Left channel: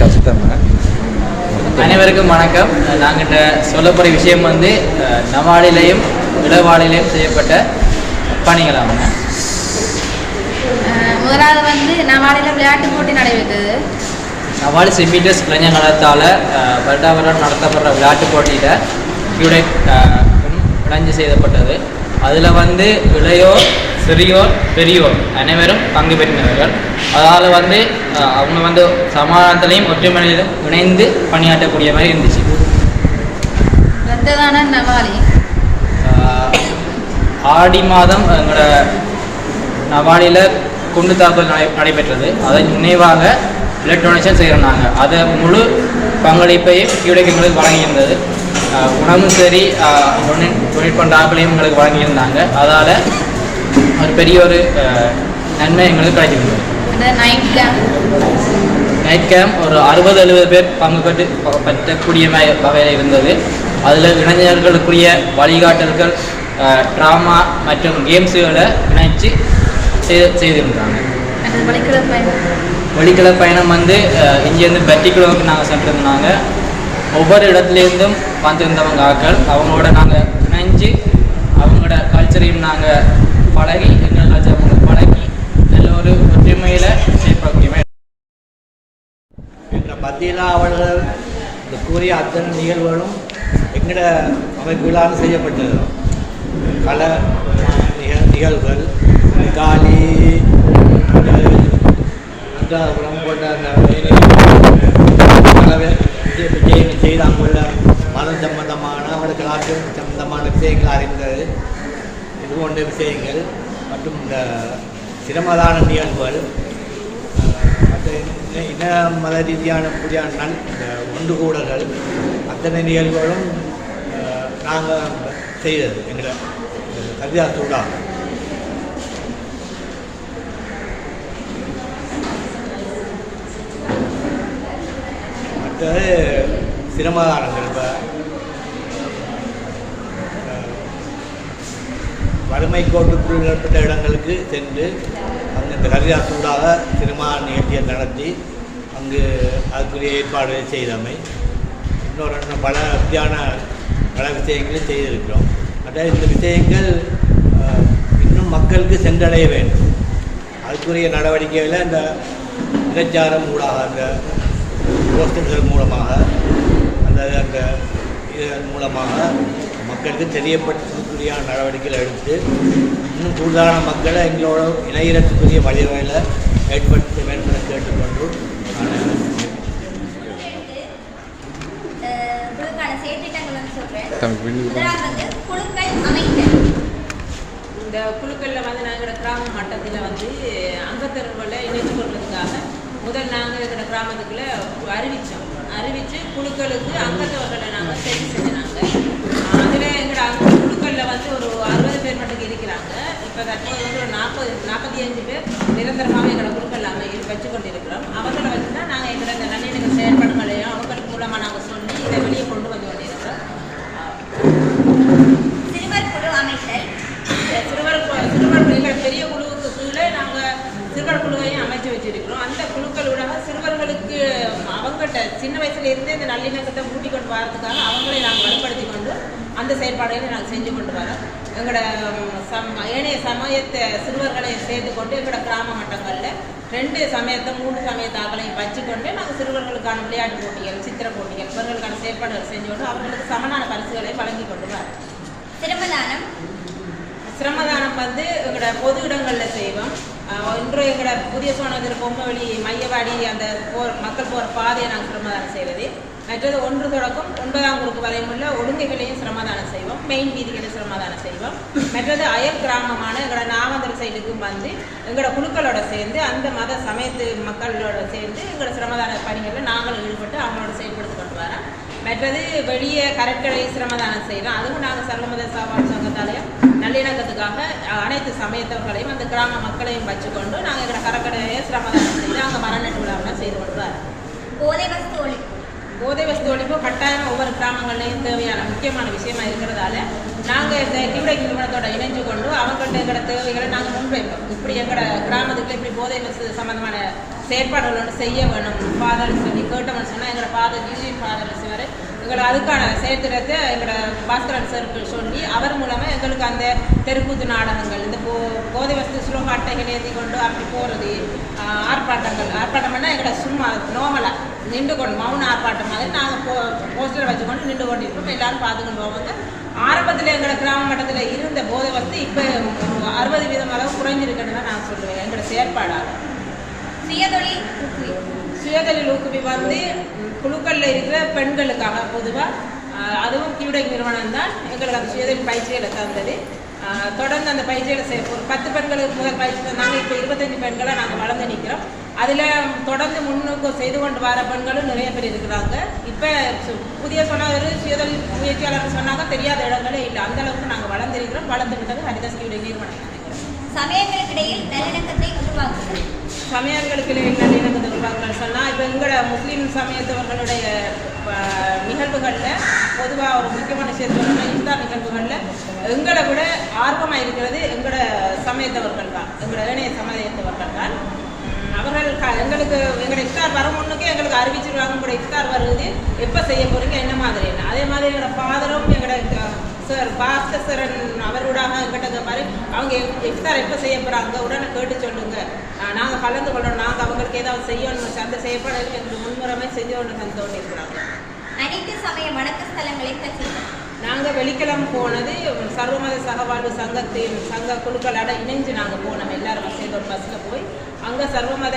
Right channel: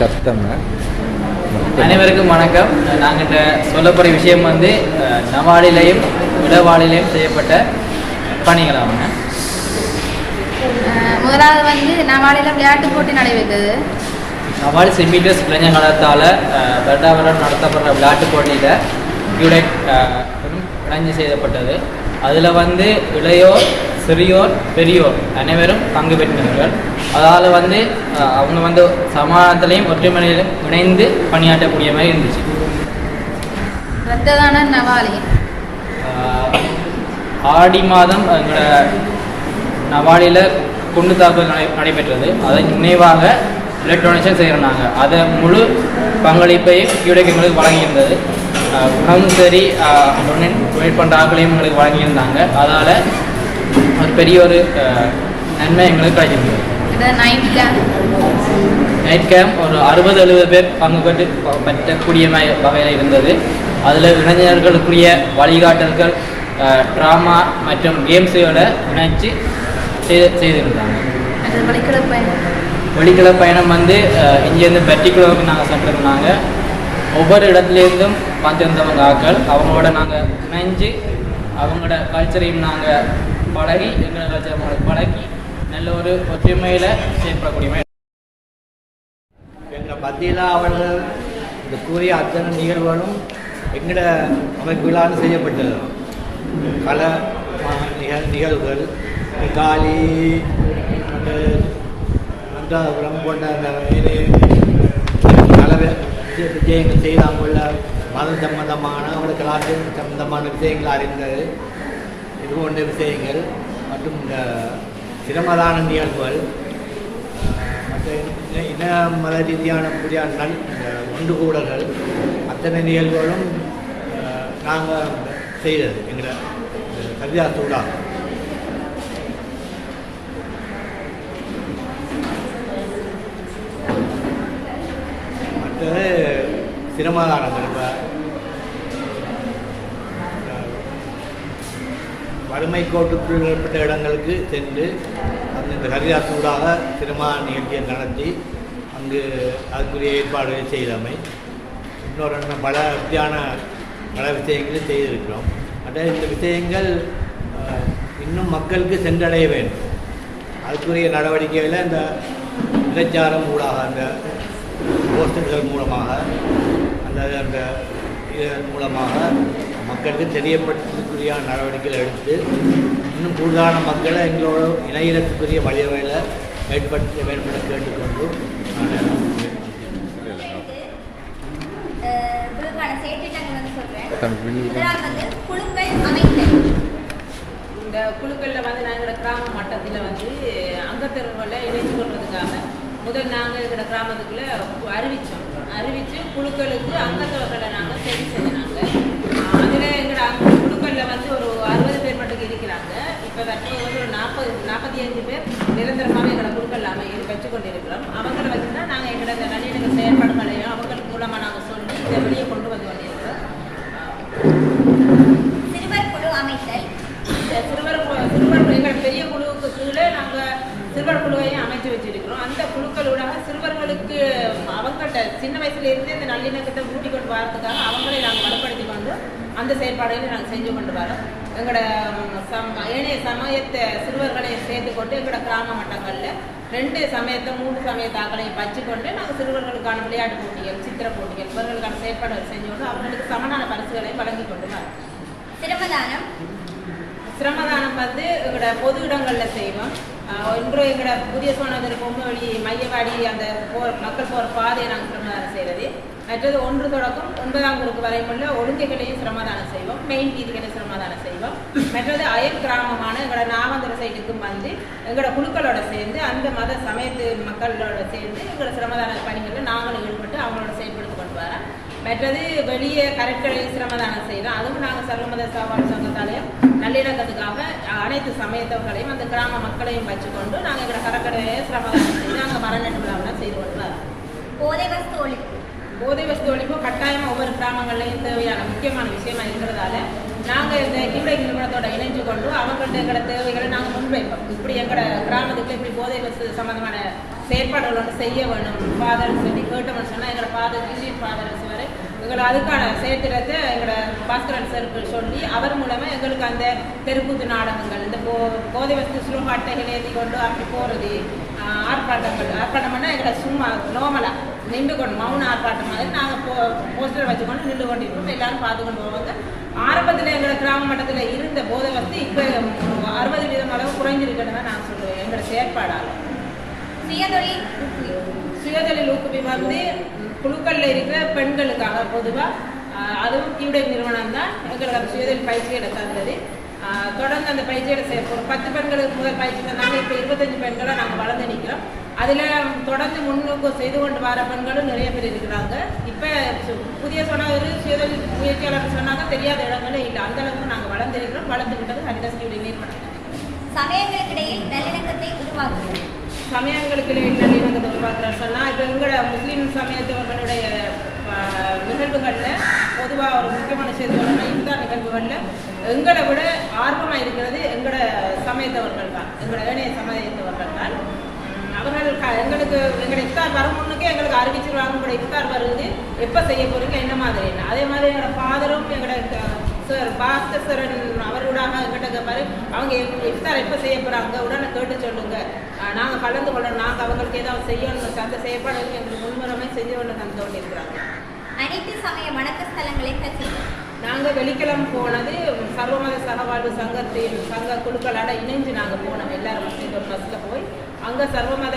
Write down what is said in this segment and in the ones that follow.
சசித்தன்மை அனைவருக்கும் வணக்கம். நாங்கள் இந்த சொல்லக்கூடிய விஷயம் வந்து நவாலிலையும் இளவாலிலையும் செய்யப்பட்ட பணிகளாகுங்க அஹ் முதலாவது வந்து நவாலில விளையாட்டு போட்டி நடைபெற்றது. நவாலி சிபிடிஎஸ் இளைஞர்களத்தால் வருடா வருடம் நடத்தப்படுற விளையாட்டு போட்டியில் கியூடெக் இணைஞ்சு செய்யப்பட்டது. அதில் வந்து இளையோர் சிறியோர் பெரியோர் அனைவரும் பங்கு பெற்றினார்கள் அதால் வந்து அவங்க வந்து சமாதானத்திலையும் ஒற்றுமையிலும் இணைந்து பணியாற்றக்கூடிய மாதிரி இருந்துச்சு. ஆடி மாதம் எங்களோட நவாலியில் குண்டு தாக்குதல் நடை நடைபெற்றது. அதை நினைவாக எலக்ட்ரானிக்ஸை செய்கிறாங்க அதை முழு பங்களிப்பையும் கியூடெக் எங்களுக்கு வழங்கியிருந்தது. உணவும் சரி டொனேட் டொனேட் பண்ணுற ஆட்களையும் எங்களுக்கு வழங்கியிருந்தாங்க. அதால் ஒரு பெரிய ஒரு நன்மை எங்களுக்கு அந்த நைட் கேம்ப் ஒரு அறுபது எழுபது பேர் பங்கு பெற்று பற்றக்கூடிய வகையில் இருந்தது. அதில் இளைஞர்களுக்குரிய வழிகாட்டல்கள் ட்ராமா மற்றும் கேம்ஸுகளை இணைச்சு செய்து செய்திருந்தாங்க. வெளிக்கிழ பயணம். வந்து இங்கேருந்து பெட்டிக்குளவுக்கு நாங்கள் சென்றிருந்தாங்க. ஒவ்வொரு இடத்துலேருந்தும் வந்திருந்தவங்க ஆக்கள். அவங்களோட நாங்கள் இணைஞ்சு அவங்களோட கல்ச்சரையும் நாங்கள் பழகி எங்களோட கல்ச்சர் அவங்களை பழகி நல்ல ஒரு ஒற்றுமையில் செயல்படக்கூடிய எங்களை எங்கள் அவர்கள் இந்த கூறிய அத்தனை நிகழ்வுகளும் எங்களோட அமைப்புகளால் செய்யப்பட்டது. கல பல நிகழ் நிகழ்வுகள் காலி அந்தாபுரம் போன்ற அந்த வேலை பல விஜயங்கள் செய்து அங்குள்ள மதம் சம்பந்தமான அவங்களோட கலாச்சாரம் சம்பந்தமான விஷயங்கள் அறிந்தது. இது போன்ற விஷயங்கள். மற்றும் இந்த சிரமதான நிகழ்வுகள் மற்ற இன- மத ரீதியான புதிய நல் இந்த ஒன்று கூடல்கள் அத்தனை நிகழ்வுகளும் நாங்கள் செய்தது. எங்களை கரிதாசூடாக மற்றது சிரமதானங்கள் இப்போ. வறுமை கோட்டுக்குள் ஏற்பட்ட இடங்களுக்கு சென்று அங்கு இந்த ஹரிதாசூடாக சினிமா நிகழ்ச்சியை நடத்தி அங்கு அதுக்குரிய ஏற்பாடுகளை செய்தமை. இன்னொரு பல வித்தியான பல விஷயங்களை செய்திருக்கிறோம். அதாவது இந்த விஷயங்கள் இன்னும் மக்களுக்கு சென்றடைய வேண்டும். அதுக்குரிய நடவடிக்கைகளை இந்த பிரச்சாரம் ஊடாக அந்த போஸ்டர்கள் மூலமாக அந்த அந்த இதன் மூலமாக மக்களுக்கு தெரியப்படுத்துறதுக்குரிய நடவடிக்கைகள் எடுத்து இன்னும் கூடுதலான மக்களை எங்களோட இணையத்துக்குரிய வழிவகையில் ஏற்படுத்த வேண்டும் என கேட்டுக்கொண்டு நான் இந்த குழுக்களில் வந்து நாங்கள் கிராம மட்டத்தில் வந்து அங்கத்தரவுகளை இணைச்சு கொள்றதுக்காக முதல் நாங்கள் எங்களோட கிராமத்துக்குள்ள அறிவித்தோம் அறிவித்து குழுக்களுக்கு அங்கத்தவர்களை நாங்கள் சரி செஞ்சினாங்க அதில் எங்களோட அங்க குழுக்களில் வந்து ஒரு அறுபது பேர் மட்டும் இருக்கிறாங்க. இப்போ தற்போது வந்து ஒரு நாற்பது நாற்பத்தி அஞ்சு பேர் நிரந்தரமாக எங்களோட குழுக்கள் அமை வச்சு கொண்டு இருக்கிறோம் அவங்களை வச்சு தான் நாங்கள் எங்களோட இந்த நல்லிணக்க செயல்பாடுகளையும் அவங்களுக்கு மூலமாக நாங்கள் சொல்லி இதை வெளியே கொண்டு வந்து கொண்டிருக்கிறோம். சிறுவர் குழு இந்த சிறுவர் சிறுவர் எங்களோட பெரிய கீழே சிறுவர் குழுவையும் அமைச்சு வச்சிருக்கிறோம். அந்த குழுக்களூடாக சிறுவர்களுக்கு அவங்ககிட்ட சின்ன வயசுல இருந்தே இந்த நல்லிணக்கத்தை ஊட்டி கொண்டு வரதுக்காக அவங்களை நாங்கள் வலுப்படுத்தி கொண்டு அந்த செயற்பாடுகளை நாங்கள் செஞ்சு கொண்டு வரோம். எங்களோட சம் ஏனைய சமயத்தை சிறுவர்களை சேர்த்து கொண்டு எங்களோட கிராம மட்டங்களில் ரெண்டு சமயத்தை மூணு சமயத்தாக்களையும் வச்சுக்கொண்டு நாங்கள் சிறுவர்களுக்கான விளையாட்டு போட்டிகள் சித்திர போட்டிகள் இவர்களுக்கான செயற்பாடுகள் செஞ்சு கொண்டு அவர்களுக்கு சமனான பரிசுகளை வழங்கி கொண்டு வரோம். சிரமதானம் சிரமதானம் வந்து எங்களோட பொது இடங்களில் செய்வோம். இன்று எங்களோட புதிய சோனகர் பொம்மவெளி மையவாடி அந்த போற மக்கள் போகிற பாதையை நாங்கள் சிரமதானம் செய்வது மற்றது ஒன்று தொடக்கம் ஒன்பதாம் குறுக்கு வரையும் உள்ள ஒழுங்கைகளையும் சிரமதானம் செய்வோம். மெயின் வீதிகளை சிரமதானம் செய்வோம். மற்றது அயல் கிராமமான எங்களோட நாவந்தர சைடுக்கும் வந்து எங்களோட குழுக்களோட சேர்ந்து அந்த மத சமயத்து மக்களோட சேர்ந்து எங்களோட சிரமதான பணிகளில் நாங்களும் ஈடுபட்டு அவங்களோட செயல்படுத்தி கொண்டு வரோம். மற்றது வெளியே கரெக்டரை சிரமதானம் செய்கிறோம் அதுவும் நாங்கள் சர்வமத சவால் சங்கத்தாலையும் நல்லிணக்கத்துக்காக அனைத்து சமயத்தவர்களையும் அந்த கிராம மக்களையும் வச்சுக்கொண்டு நாங்கள் எங்களோட கரக்கடையை சிரமதானம் செய்து அங்கே மரநட்டு விழாவெல்லாம் செய்து கொண்டு வரோம். போதை வஸ்து ஒழிப்பு. போதை வஸ்து ஒழிப்பு கட்டாயமாக ஒவ்வொரு கிராமங்கள்லையும் தேவையான முக்கியமான விஷயமா இருக்கிறதால நாங்கள் இந்த கிவிடை நிறுவனத்தோட இணைஞ்சு கொண்டு அவங்கள்ட்ட எங்களோட தேவைகளை நாங்கள் முன்வைப்போம். இப்படி எங்களோட கிராமத்துக்குள்ள இப்படி போதை வஸ்து சம்பந்தமான செயற்பாடுகள் ஒன்று செய்ய வேணும். ஃபாதர் சொல்லி கேட்டோம்னு சொன்னால் எங்களோட ஃபாதர் ஜூலி ஃபாதர் சிவர் எங்களை அதுக்கான செயற்திட்டத்தை எங்களோட பாஸ்கரன் சருக்கு சொல்லி அவர் மூலமாக எங்களுக்கு அந்த தெருக்கூத்து நாடகங்கள் இந்த போ போதை வசதி சுலோக ஏற்றி கொண்டு அப்படி போகிறது ஆர்ப்பாட்டங்கள். ஆர்ப்பாட்டம்னா எங்களை சும்மா நார்மலாக நின்று கொண்டு மௌன ஆர்ப்பாட்டம் மாதிரி நாங்கள் போ போஸ்டர் வச்சுக்கொண்டு நின்று கொண்டு இருப்போம் எல்லாரும் பார்த்துக்கொண்டு போவாங்க ஆரம்பத்தில் எங்களோட கிராம மட்டத்தில் இருந்த போதை வசதி இப்போ அறுபது வீதம் அளவு குறைஞ்சிருக்குன்னு தான் நான் சொல்லுவேன். எங்களோட செயற்பாடாக சுயதொழில் சுயதொழில் ஊக்குவி வந்து குழுக்கள்ல இருக்கிற பெண்களுக்காக பொதுவாக அதுவும் கியூடெக் நிறுவனம் தான் எங்களுக்கு அந்த சுயதொழில் பயிற்சிகளை தந்தது. தொடர்ந்து அந்த பயிற்சிகளை செய்ய ஒரு பத்து பெண்களுக்கு முதல் பயிற்சி தந்தாங்க. இப்போ இருபத்தஞ்சு பெண்களை நாங்கள் வளர்ந்து நிற்கிறோம் அதில் தொடர்ந்து முன்னுக்கு செய்து கொண்டு வர பெண்களும் நிறைய பேர் இருக்கிறாங்க. இப்போ புதிய சொன்னவர் சுயதொழில் முயற்சியாளர் சொன்னாங்க. தெரியாத இடங்களே இல்லை. அந்த அளவுக்கு நாங்கள் வளர்ந்திருக்கிறோம். வளர்ந்து விட்டது ஹரிதாஸ் கியூடெக் நிறுவனம். சமயங்களுக்கிடையில் நல்லிணக்கத்தை உருவாக்குதல். சமயங்களுக்கு என்ன நல்லிணக்கத்தை உருவாக்குறேன்னு சொன்னால் இப்போ எங்களோட முஸ்லீம் சமயத்தவர்களுடைய நிகழ்வுகளில் பொதுவாக ஒரு முக்கியமான விஷயத்தை இஃப்தார் நிகழ்வுகளில் எங்களை விட ஆர்வமாக இருக்கிறது எங்களோட சமயத்தவர்கள் தான் எங்களோட ஏனைய சமயத்தவர்கள் தான். அவர்கள் க- எங்களுக்கு எங்களோட இஃப்தார் வரும் முன்னுக்கே எங்களுக்கு அறிவிச்சிருவாங்க உங்களோட இஃப்தார் வருது எப்போ செய்ய போகிறீங்க என்ன மாதிரி என்ன. அதே மாதிரி எங்களோட ஃபாதரும் எங்களோட சார் பாஸ்தரன் அவரோடாக எங்கிட்ட கேட்பாரு அவங்க இஃப்தார் எப்போ செய்ய போகிறாங்க உடனே கேட்டு சொல்லுங்கள் நாங்கள் கலந்து கொள்ளணும். நாங்கள் அவங்களுக்கு ஏதாவது செய்யணும். அந்த செயற்பாடுகள் எங்களுக்கு முன்முறைமை செஞ்சு கொண்டு தந்து கொண்டு இருக்கிறாங்க அனைத்து சமய வணக்க ஸ்தலங்களை நாங்கள் வெள்ளிக்கிழமை போனது சர்வமத சகவாழ்வு சங்கத்தின் சங்க குழுக்களோட இணைஞ்சு நாங்கள் போனோம். எல்லாரும் சேர்ந்து ஒரு பஸ்ஸில் போய் அங்கே சர்வமத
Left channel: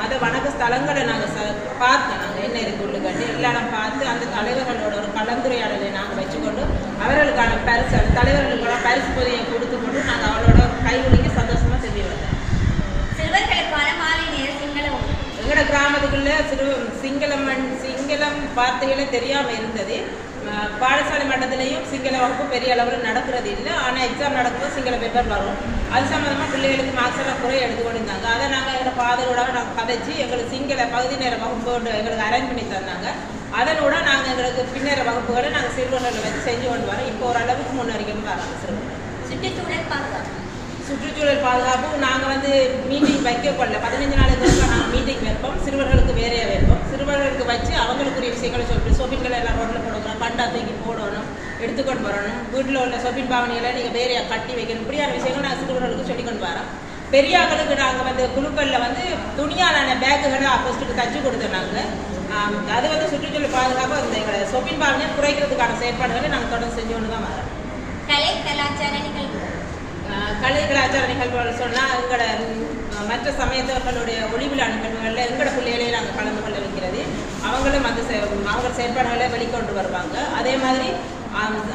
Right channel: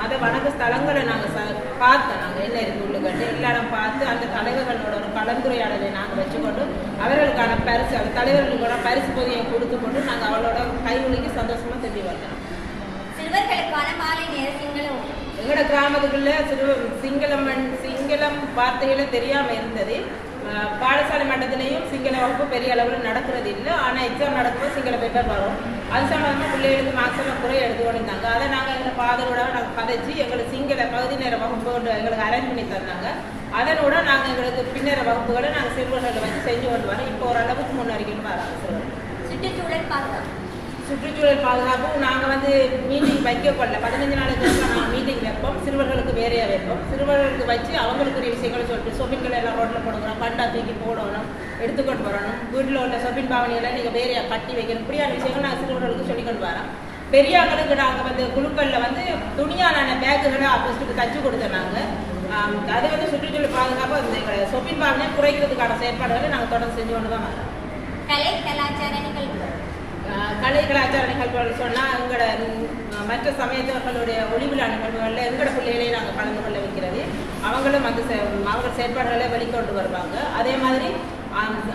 மத வணக்க ஸ்தலங்களை நாங்கள் ச பார்த்தோம். நாங்கள் என்ன இருக்கு உள்ளுக்கட்டு எல்லாரும் பார்த்து அந்த தலைவர்களோட ஒரு கலந்துரையாடலை நாங்கள் வச்சுக்கொண்டு அவர்களுக்கான பரிசு அந்த தலைவர்களுக்கு பரிசு பொதியை கொடுத்து கொண்டு நாங்கள் அவளோட கைகுலுக்கி சந்தோஷமாக செஞ்சு வந்தோம் சிறுவர்களுக்கான மாலை நேர சிங்கள உணவு எங்களோட கிராமத்துக்குள்ள சிறு சிங்களம் மண்- சிங்களம் வார்த்தைகளே தெரியாமல் இருந்தது. பாடசாலை மட்டத்திலையும் சிங்கள வகுப்பு பெரிய அளவில் நடக்கிறது இல்லை. ஆனால் எக்ஸாம் நடக்கும்போது சிங்கள பேப்பர் வரும். அது சம்மந்தமாக பிள்ளைகளுக்கு மார்க்ஸ் எல்லாம் குறை எடுத்து கொண்டிருந்தாங்க. அதை நாங்கள் எங்களோட ஃபாதரோட நாங்கள் பதைச்சி எங்களுக்கு சிங்கள பகுதி நேர வகுப்பு எங்களுக்கு அரேஞ்ச் பண்ணி தந்தாங்க. அதனோட நாங்கள் எங்களுக்கு பின்னேற வகுப்புகளை நாங்கள் சிறுவர்களை வச்சு செஞ்சு கொண்டு வரோம். இப்போ ஓரளவுக்கு முன்னேறிக்கணும் வராங்க சிறுவர்கள். சுற்றுச்சூழல் பாதுகாப்பு சுற்றுச்சூழல் பாதுகாப்பு நாங்கள் வந்து மீட்டிங் வைக்க கொள்ள பதினஞ்சு நாளைக்கு நாங்கள் மீட்டிங் வைப்போம். சிறுவர்களுக்கு வேறையாக வைப்போம். சிறுவர்களுக்கு வச்சு அவங்களுக்குரிய விஷயங்களை சொல்லிட்டு சோப்பின்களை எல்லாம் ரோட்டில் போடணும் பண்டா தூக்கி போடணும் எடுத்துக்கொண்டு வரணும். வீட்டில் உள்ள சொப்பின் பாவனைகளை நீங்கள் வேறையாக கட்டி வைக்கணும். இப்படியான விஷயங்கள் நாங்கள் சிறுவர்களுக்கு சொல்லிக்கொண்டு வரோம். பெரியாக்களுக்கு நாங்கள் வந்து குழுக்களில் வந்து துணியாலான பேக்குகளை அப்போஸ்ட்டுக்கு தச்சு கொடுத்தோம் நாங்கள் அது வந்து சுற்றுச்சூழல் பாதுகாப்பு இந்த எங்களை சொப்பின் பாவனையை குறைக்கிறதுக்கான செயற்பாடுகளை நாங்கள் தொடர்ந்து செஞ்சு கொண்டு தான் வரோம். கலை கலாச்சார கலை கலாச்சார நிகழ்வுகள் சொன்னால் எங்களோட மற்ற சமயத்தவர்களுடைய ஒளிவிழா நிகழ்வுகளில் எங்களோட பிள்ளைகளையும் நாங்கள் கலந்து கொள்ள வைக்கிறது. அவங்களும் அந்த செ- அவங்க செயற்பாடுகளை வெளிக்கொண்டு வருவாங்க. அதே மாதிரி ஆம்,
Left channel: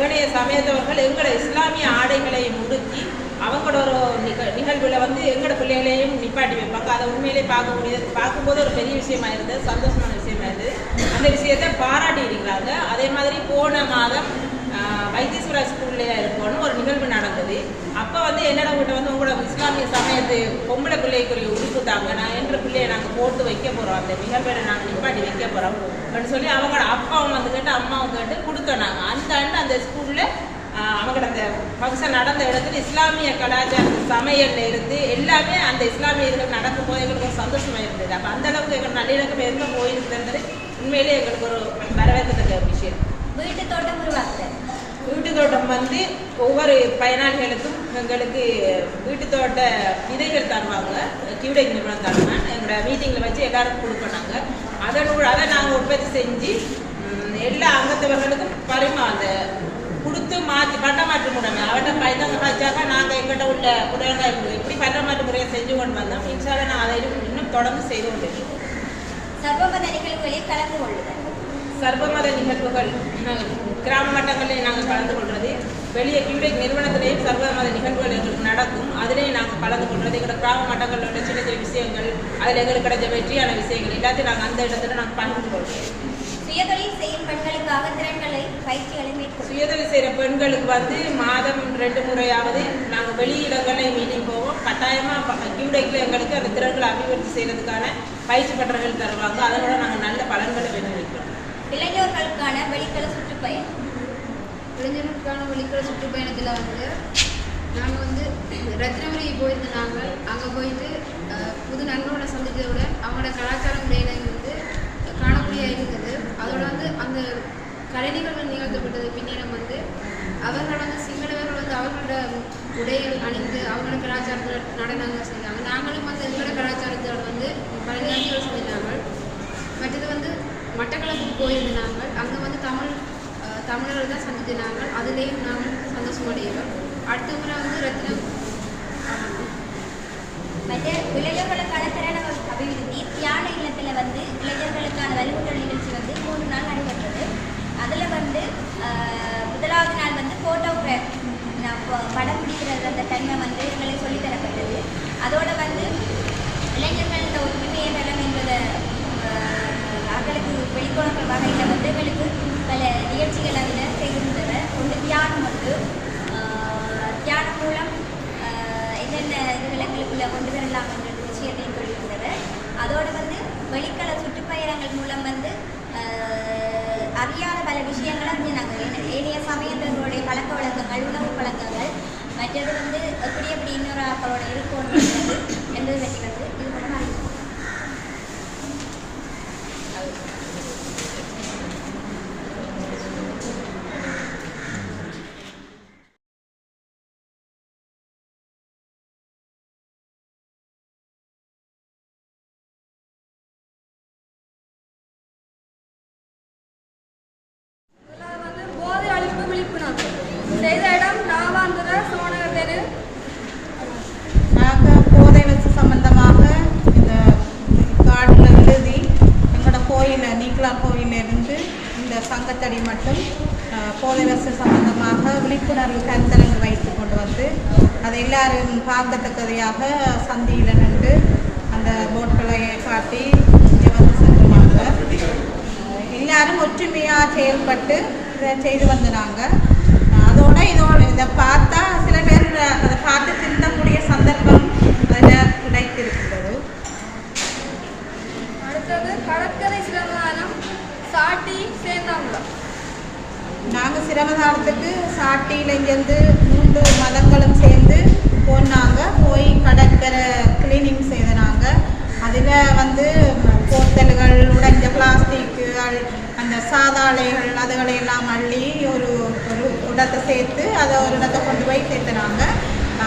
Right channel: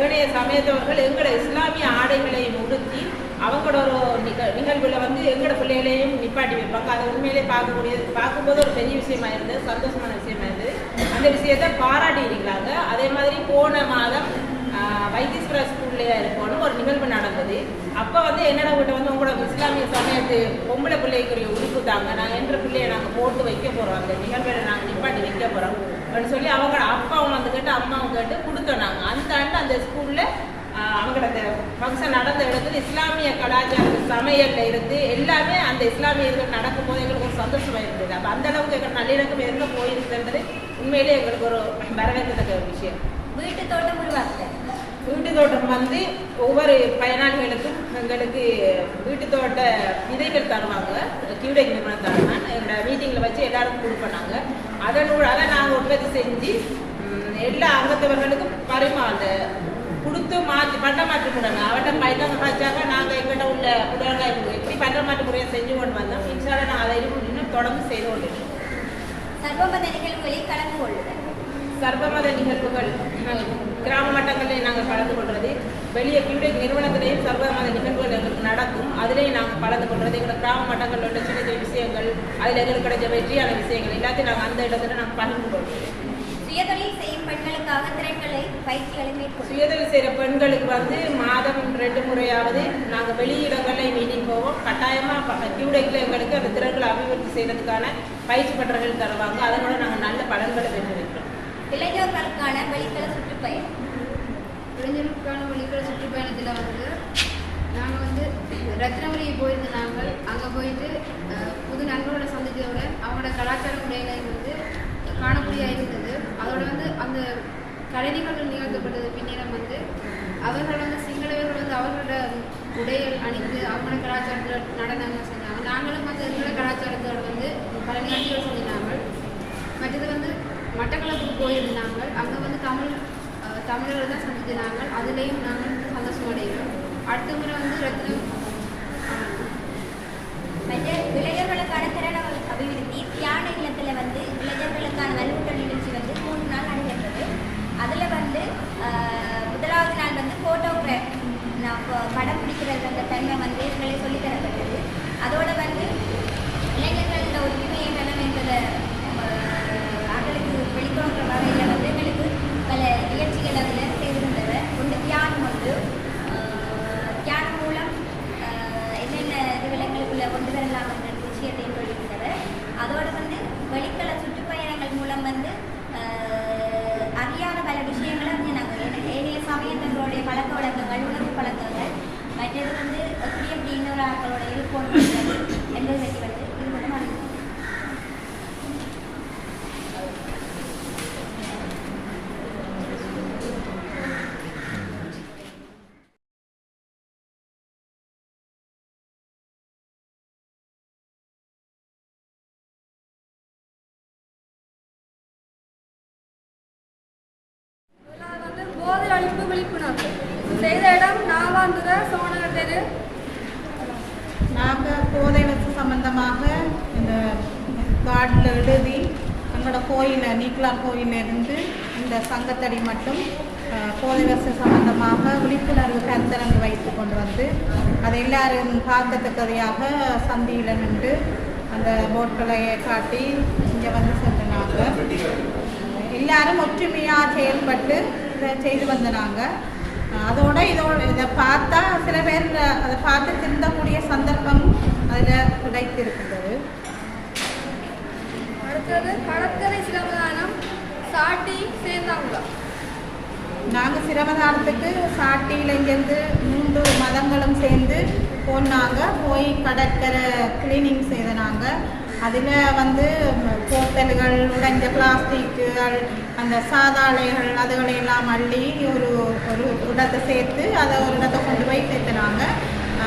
ஏனைய சமயத்தவர்கள் எங்களோட இஸ்லாமிய ஆடைகளை உடுத்தி அவங்களோட ஒரு நிக நிகழ்வில் வந்து எங்களோட பிள்ளைகளையும் நிப்பாட்டி வைப்பாங்க. அதை உண்மையிலே பார்க்கக்கூடிய பார்க்கும்போது ஒரு பெரிய விஷயமா இருந்தது சந்தோஷமான விஷயமா இருந்தது. அந்த விஷயத்தை பாராட்டி இருக்கிறாங்க. அதே மாதிரி போன மாதம் வைத்தீஸ்வரா ஸ்கூல்லையா இருக்கோன்னு ஒரு நிகழ்வு நடந்தது. அப்போ வந்து என்னடா கிட்ட வந்து உங்களோட இஸ்லாமிய சமயத்து பொம்பளை பிள்ளைக்குரிய உடுப்பு தாங்க நான் என்ற பிள்ளையை நாங்கள் போட்டு வைக்க போகிறோம் அந்த நிகழ்வில் நாங்கள் நிப்பாட்டி வைக்க போகிறோம் அப்படின்னு சொல்லி அவங்களோட அப்பாவும் வந்து கேட்டு அம்மாவும் கேட்டு கொடுத்தோம் நாங்கள் அந்த ஆண்டு அந்த ஸ்கூலில் அவங்களோட அந்த ஃபங்க்ஷன் நடந்த இடத்துல இஸ்லாமிய கலாச்சார சமையலில் இருந்து எல்லாமே அந்த இஸ்லாமிய நடக்கும் போது எங்களுக்கு ஒரு சந்தோஷமாக இருந்தது. அப்போ அந்த அளவுக்கு எங்களுக்கு நல்லிணக்கம் எங்க போயிருக்குன்றது உண்மையிலே எங்களுக்கு ஒரு வரவேற்கத்தக்க விஷயம். வீட்டு தோட்டம் உருவாக்குதல். வீட்டு தோட்டம் வந்து ஒவ்வொரு பயனாளிகளுக்கும் எங்களுக்கு வீட்டு தோட்ட விதைகள் தருவாங்க. கியூடெக் நிறுவனம் தருவாங்க. எங்களோட மீட்டிங்கில் வச்சு எல்லாருக்கும் கொடுப்போம் அதனூட அதை நாங்கள் உற்பத்தி செஞ்சு எல்லா அங்கத்தவர்களுக்கும் பரிமா அந்த கொடுத்து மாற்றி பட்டம் மாற்று முறைமை அவட்ட பயந்தாங்க காய்ச்சாக்கா நாங்கள் எங்கிட்ட உள்ள புடலங்காய் எப்படி பண்ட மாற்று முறையை செஞ்சு கொண்டு வந்தோம். இன்ஷால நான் அதை இன்னும் இன்னும் தொடர்ந்து செய்து கொண்டிருக்கோம் சர்வமத நிகழ்வுகளில் கலந்து கொள்ளுதல். சர்வமத நிகழ்வுகள் அஹ், கிராம மட்டங்களில் நாங்கள் கலந்து கொள்வது வெளியே கியூடெக் நிறுவனத்திலேயும் சர்வமத நிகழ்வுகள் எங்களுக்கு நடக்கும். அதிலேயும் நாங்கள் கலந்து கொள்வது எங்களோட கிராம மட்டங்களில் உள்ள சின்ன சின்ன விஷயங்கள் அதில் எங்களுக்கு கிடைச்ச வெற்றியான விஷயங்கள் எல்லாத்தையும் நாங்கள் அந்த இடத்துல நாங்கள் பகிர்ந்து கொள்வோம். சுயதொழில் செய்யும் பெண்களுக்காக திறன்களை பயிற்சிகளை சுயதொழில் செய்கிற பெண்களுக்கு வந்து மாதம் ரெண்டு முறையாவது நாங்கள் வெளியிடங்களில் மீட்டிங் போவோம். கட்டாயமாக கியூடெக்கில் எங்களுக்கு அந்த திறன்களை அபிவிருத்தி செய்கிறதுக்கான பயிற்சி பட்டறைகள் தருவாங்க. அதனோட நாங்கள் நல்ல பலன்களை பெற்றிருக்கிறோம். இளைஞர்களுக்கான வெளிக்கல சுற்றுப்பயணம். இளைஞர்களுக்கான வெளிக்கல சுற்றுப்பயணத்தில் வந்து நாங்கள் வந்து ரத்னபுரி போயிருந்த நாங்கள் அங்கே போயிட்டு புது நண்பர்களை சந்தித்தவுடன் அவங்களோட கலாச்சார முறையிலையும் வந்து காணக்கூடிய இருந்தது. அதோட வந்து அந்த கலை நிகழ்வு நிகழ்த்தப்பட்டது. பின்னிடம் வந்து அவர்கள் வந்து சிங்களவர்கள் வந்து அவர்களோட உடைகள் அணிந்து அவங்களோட கலாச்சாரத்தில் நடனங்கள் செஞ்சாங்க நாங்களும் வந்து எங்களோட கலாச்சாரத்தோட வந்து பல நிகழ்ச்சிகள் செஞ்சாங்க மற்றது வந்து மட்டக்களப்பு போயிருந்த நாங்கள் அங்கே வந்து தமிழ் தமிழர்கள் தான் சந்தித்து நாங்கள். அதுலேயும் நாங்கள் சந்தோஷம் அடைகிறோம் அடுத்த முறை வந்து ரத்னம் ஆமாம். மற்ற இளைஞர்களுக்கான திறன அபிவிருத்தி தியான இல்லத்தில் வந்து இளைஞர்களுக்கான வலுவூட்டல் நிகழ்ச்சி வந்து மூன்று நாள் நடைபெற்றது. அதில் வந்து முதலாவது நாள் வந்து ஃபோட்டோகிராஃப் படம் பிடிக்கிறது அந்த தன்மை வந்து எங்களுக்கு சொல்லித்தரப்பட்டது. அதோடு வந்து இளைஞர்களோட ஒற்றுமையை நலம் என்பதை ஆஹ், வெளிக்கொணர்ற வகையில் வந்து எங்களுக்கு பல நிகழ்ச்சிகள் அதில் செய்திருந்தவை ஒன்று தியானம் ஒன்று. தியானம் மூலம் என்னென்ன இதுகளை கொண்டு வரலாம் என்ற விஷயத்தையும் சொல்லியிருந்தவர் அதோடு வந்து வெளிக்கல சுற்றுப்பயணங்கள் மூலம் வந்து அறியாத பல விஷயங்களை வந்து நாங்கள் ஏனைய சமயத்தவர்களுடைய பழக்க வழக்கங்கள் உணவு பழக்கங்கள் மற்றது வந்து எப்படி எப்படி இன்னொரு ஆக்களோட இருக்கும் என்பதை பற்றி வந்து இது மூலம் அறிந்தோம் முதலாவது வந்து போதை அழிப்பு விழிப்புணர்வு செய்த இடம் நாவாந்துர சோழர் தெரு நாங்கள் போதை வச்சு சம்பந்தமாக இந்த கார்டில் எழுதி எங்களோட கோயில் நீக்கலார் கோயிலிருந்து இந்த சங்கத்தடி மட்டும் போதை வசதி சம்பந்தமாக விழிப்புணர்வு கருத்தரங்கு வைத்து கொண்டு வந்து அதை எல்லாரும் பார்க்கத்தக்கதையாக சந்தியில் நின்று அந்த போட்களை காட்டி இங்கே வந்து சென்றாங்க எல்லாரும் ஒற்றுமையாக செயல்பட்டு இதை செய்து வந்தனாங்க. அதோட இதோட இதை பார்த்தா சில பேர் அதை பார்த்து திருந்தக்கூடிய சந்தர்ப்பம் அதில் கிடைத்திருக்கின்றது அடுத்தது கடற்கரை சிரமதானம் சாட்டி சேர்ந்தாங்களா நாங்கள் சிரமதானத்துக்கு சாட்டியில் இங்கேருந்து மூன்று மதங்களும் சேர்ந்து போனாங்க. போய் கடற்கரை கிளீனிங் செய்தனாங்க. அதில் வந்து போத்தல்கள் உடைஞ்ச பிளாஸ்டிக்குகள் அந்த சாதாளைகள் அதுகளை எல்லாம் அள்ளி ஒரு ஒரு இடத்தை சேர்த்து அதை ஒரு இடத்தை கொண்டு போய் சேர்த்துனாங்க.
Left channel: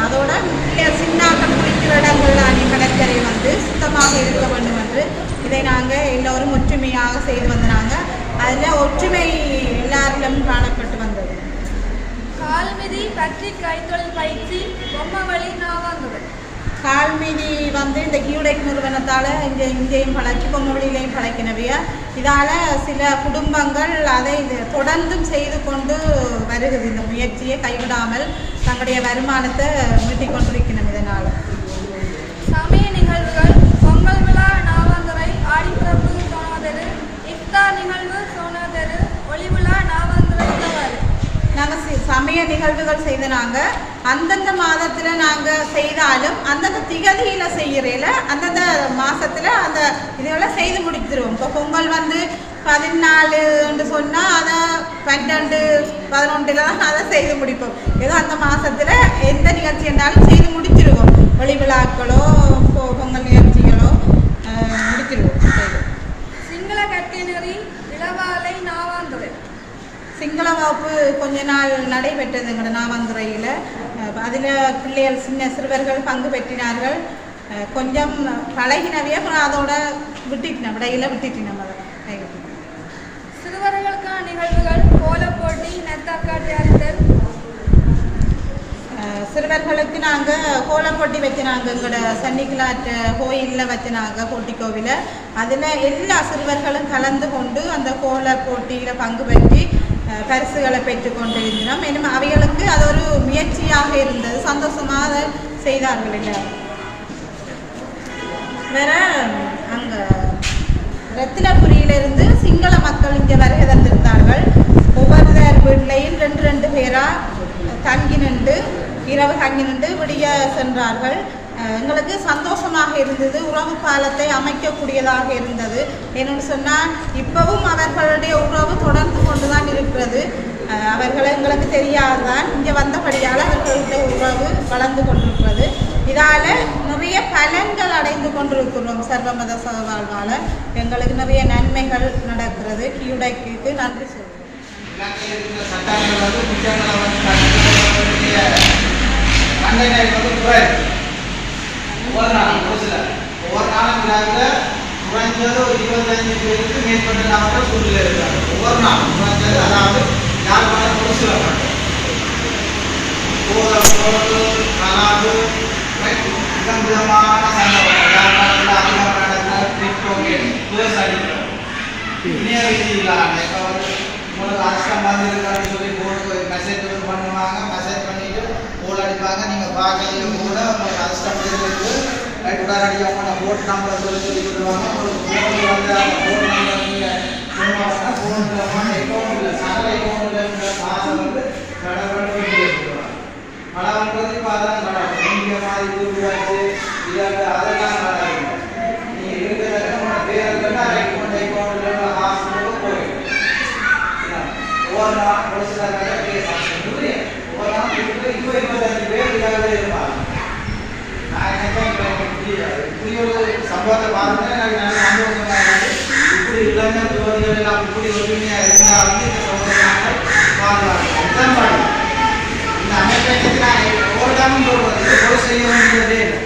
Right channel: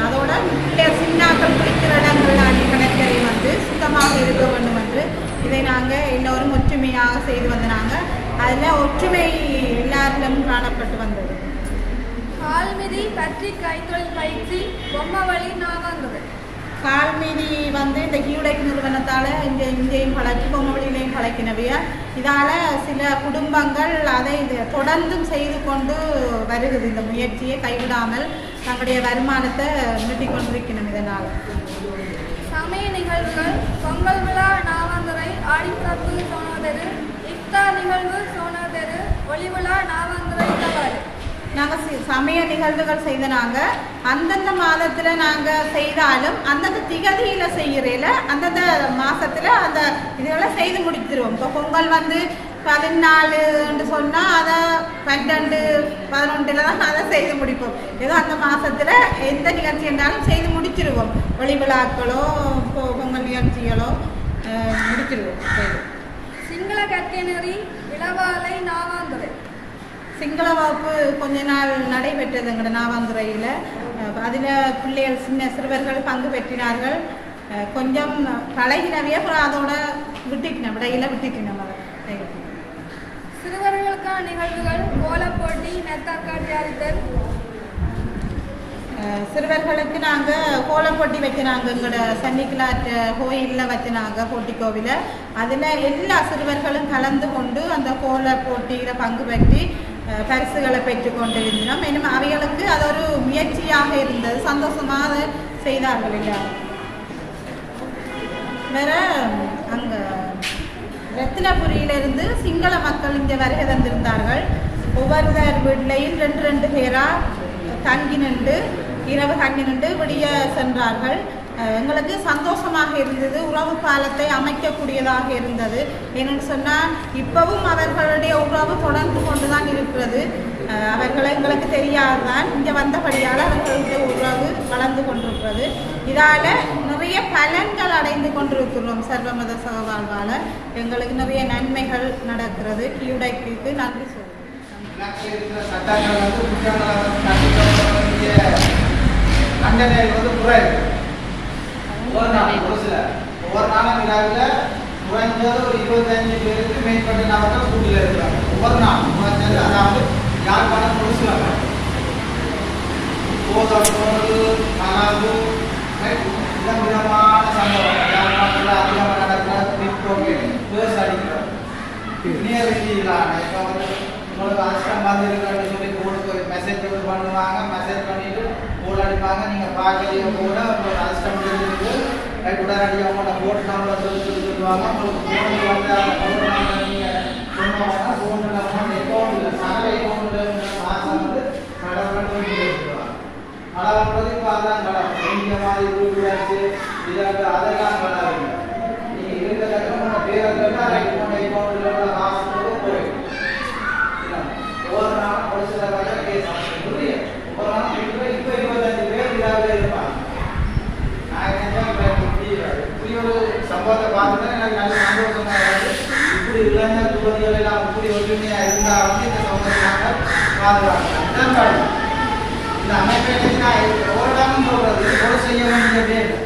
அதோட பிள்ளைகள் சின்னாக்கள் குளிக்கிற இடங்கள்லானே கடற்கரை வந்து சுத்தமாக இருக்க வேண்டும் என்று இதை நாங்கள் எல்லோரும் ஒற்றுமையாக செய்து வந்தனாங்க. அதில் ஒற்றுமை எல்லாரிடமும் காணப்பட்டு வந்தது. கால்மிதி பற்றி கைத்தொழில் பயிற்சி பொம்மவழி நாமங்கள். கால்மீதி வந்து இந்த கியூடெக் நிறுவனத்தால் இங்கே இங்கேயும் பழக்கி பொம்மவெளியிலையும் பழக்கினவையா இதால் சில குடும்பங்கள் அதை இது தொடர்ந்தும் செய்து கொண்டு வருகிறது. இந்த முயற்சியை கைவிடாமல் தங்களுடைய வருமானத்தை மீட்டிக் கொண்டிருக்கணும் இதனால். சமய நிகழ்வுகள் பொங்கல் விழா நாவாந்தரை ஆடிப்பிறப்பு சோனாதரு இஃப்தா நிகழ்வு சோனாதெரு ஒளி விழா நாவாந்தரை நாங்கள் சமய நிகழ்வுகள் செய்த நாங்கள் அந்தந்த மாதத்தில் நாங்கள் செய்தாலும் அந்தந்த திகதியில் செய்கிறேல அந்தந்த மாதத்தில் அந்த இதெல்லாம் செய்து முடித்துருவோம். இப்போ பொங்கல் வந்து பதினாலுன்னு சொன்னால் அதை பன்னெண்டு பதினொன்றில் தான் அதை செய்து முடிப்போம். ஏதோ அந்த மாதத்தில் எந்த நிகழ்ச்சி இருந்தாலும் செய்து முடிச்சிருவோம் ஒளி விழாக்களோ பொங்கல் நிகழ்ச்சிகளோ முடிச்சிருவோம் சிங்கள கற்கை சிங்கள வகுப்பு கொஞ்ச நாள் நடைபெற்றது எங்களோட நாவாந்துறையில் அதில் பிள்ளைகள் சின்ன சிறுவர்கள் பங்கு பெற்றினார்கள். கொஞ்சம் பழகினவே அப்புறம் அதோட விட்டுட்டினோம் விடையில் விட்டுட்டினோம் அதை சிறுவர்களுக்கான நிகழ்வுகள் கோலப்போட்டி நெத்தாக்காடு தயாரித்தல் அஹ் சிறுவர்களுக்கு நாங்கள் கோலப்போட்டி வச்சினாங்க எங்களோட சன்னிக்கிலாட் கோயிலில் வச்சினாங்க போட்டி கோவில. அதில் எல்லா சிறுவர்களும் கலந்து கொண்டு அந்த கோல போட்டியில் பங்கு பெற்றி பரிசுகளை பெற்றுக்கொண்டு இருந்தோம் இன்னும் அவைகளுக்கு அது ஒரு முயற்சியாக இருந்தது. சந்தோஷமாக அதை செய்தார்கள் இல்லையா வேற அங்கே ரத்தினபுரியிலிருந்து சிங்கள மக்கள் இங்கே வருகை தந்திருந்தார்கள். ஒவ்வொரு வீட்லையும் ரெண்டு ரெண்டு பேராக தங்கி நின்று இரவு தங்கி நின்று விடிய சென்றார்கள். எங்களுக்கு சந்தோஷமாக இருந்தது. உறவு பாலத்தை அமைக்கக்கூடியதாக இருந்தது. என்னென்னு சொன்னால் இப்போவும் அவர்களுடைய உறவு தொடர்ந்து கொண்டு தான் இருக்கிறது. அவர்களை அவர்கள் எங்களுக்கு தெரியாதுதான் இங்கே வந்தபடியால் அவர்களுடைய உறவு வளர்ந்து கொண்டிருக்கிறது. இதால் நிறைய பலன்கள் அடைந்து கொண்டிருக்கிறோம் சர்வமத சகவாழ்வால். எங்களுக்கு நிறைய நன்மைகள் நடக்கிறது. கியூடைக்கு நன்றி சொல்லுவோம் ஒவ்வொரு நாளும் ஒரு சில. ஒவ்வொரு நாளும் விழாவில் குறைஞ்சது ஒரு இருபத்தஞ்சு பேருக்கு மேற்பட்ட நாட்கள் சூழ்நிலை இருக்காங்க. ஒவ்வொரு நாளும் குறைஞ்சது அதாவது யாழ்ப்பாணம் ஒரு சில விதம் விதமான சண்டை யாழ்ப்பாணத்தில் அதிகம் நடக்கிற அடிக்கிறோம் இணைய ரீதியிலான இப்போ வந்து உங்களுக்கு அஷ்டம் வந்திருக்கிறேன்னு சொல்லி போட்டு மெசேஜ் வந்து பண்ணுவாங்க. மெசேஜ் பண்ணிவிட்டு போல் அடிப்பாங்க. நீங்கள் பார்க்கலையும் கூட உங்களுக்கு அஷ்டம் இருக்குது ரைட் உடனடியாக உங்களோட போட் நம்பரை சொல்லி சொல்லி சொல்லுவாங்க. உங்களுக்கு ஃபோன் வந்து அந்த ஃபோன் நம்பர் நீங்கள் சொன்னாங்கன்னா இல்லாமல் அக்கௌண்ட் இல்லை சகல அக்கௌண்ட்டில் காசை வந்து கடவுள் சொல்லுவாங்க. கடவுள் இப்போ அதான் கடவுள். நீங்க மாதிரி கூப்பிடாச்சு இதாக அதெல்லாம் கடவுள் நீங்கள் இருக்கிறத உங்க பேர் தான் ரைட் பண்ணி அக்கௌண்ட்டில் காசு ஒவ்வொரு நாள் ஒரு சில பேர் கேஸ் புரிய ஒவ்வொரு நாள் இப்போ இப்போ இருபத்தஞ்சு பேர் இதாக இருப்பாங்க நான் என்ன இப்படி இப்படி ஒரு சம்பவத்தை பார்த்தேன் எனக்கு நல்ல சந்தோஷமா இருந்தது இப்படி இளைஞர் துறவிகள் எல்லாம் இப்படி ஒற்றுமையா இருந்தா வந்து இந்த சம்பவத்தை நாங்கள் பாதுகாக்கணும் அதுதான் பாருங்க இந்த அமைப்பை பற்றி நான் ஓடாமல் சொல்றது இது போல செய்ய வேண்டியதே இல்லை